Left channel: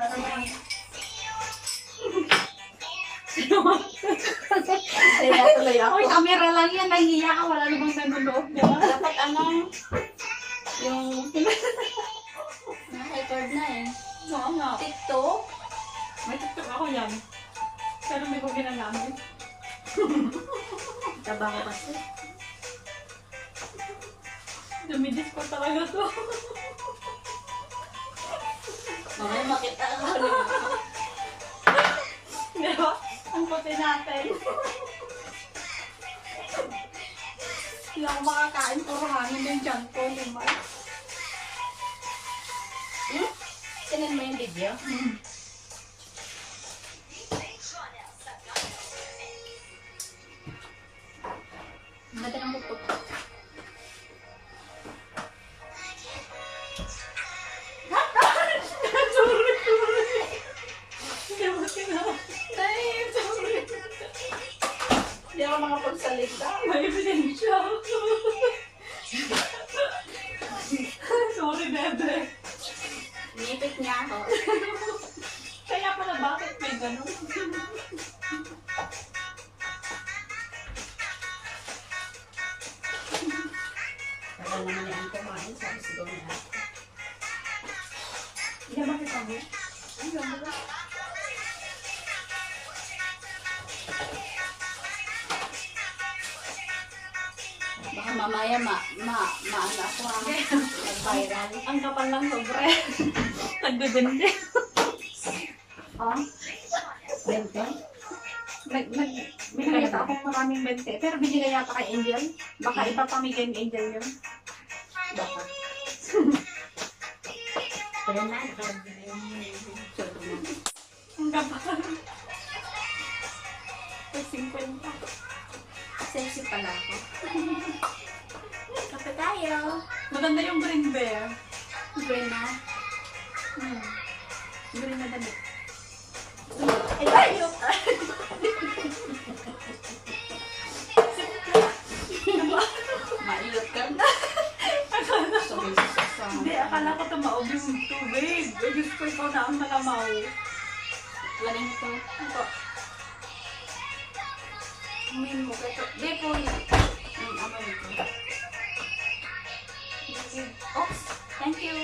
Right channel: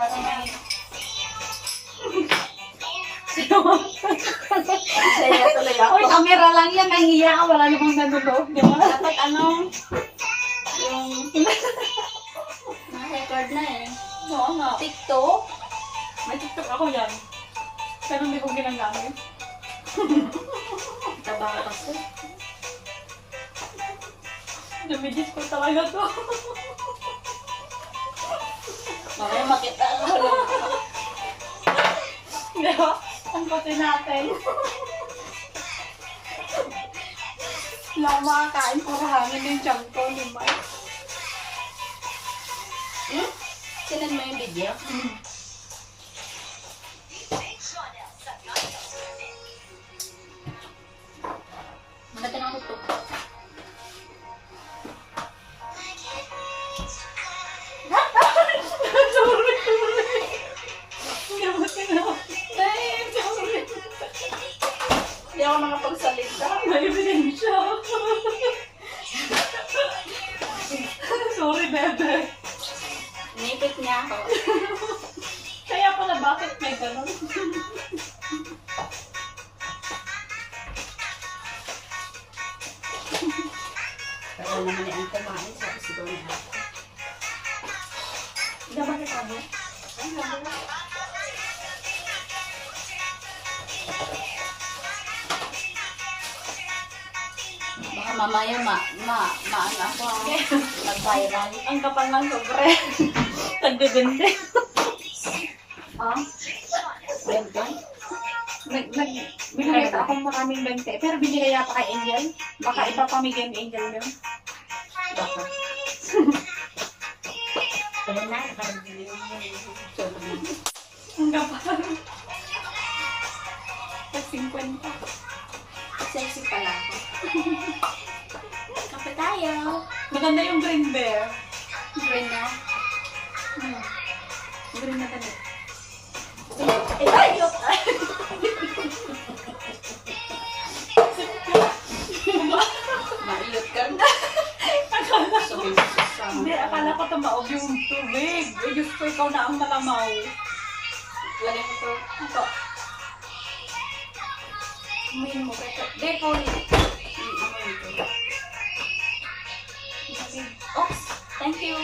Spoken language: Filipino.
Para may... Saya tuloy ako. Uy, camera lang yan. Nahihiya ka. Wala namang nanonood. Di ba? Dapat ano, yung na-record na eh. Oo nga. TikTok. May TikTok ako yan. Pero hindi ko ginagamit. Tabang kasi. Dumidis ko talaga to. Mamaya makita ko. Di ba? Ang puti natin. Hindi ako makakain. Puro hangin yung tiyan ko. Limay. Sinan mo yung video? Maganda ng tutok. Sorry. Hindi ako tinawag. Sorry. Hindi ako nakapagsalita. May ebidensya. Sorry, bebe. Nipit niya ako. Kaya pala bakit may ganun? Pero naman ni ang kumain, sabi siguro niya ako. Hindi ba kita mo? Ay, ganda. Baka mamaya ano ako ang mag-viral. Ang kapal ng sobre. Nagdedende. Ah? Bentong? Binigay ata akong maraming bente. Pero binigay yata kay Angel. Baka ipapamigay ni Angel yun. Baka. Wala na, nakabili yung Ang kapal. Nag-50. sexy pala ako. Kape tayo. Maganda yung green bear. Green na. Green na damit. Ay, tayo! Maiyot ka na. Hindi, akala ko tumaob yung tubig. Eh, Diyos ko, ikaw na ang malamaw. Wala ito. Ito. Umayin mo. Hindi, full. Ano ito? Oops. Thank you.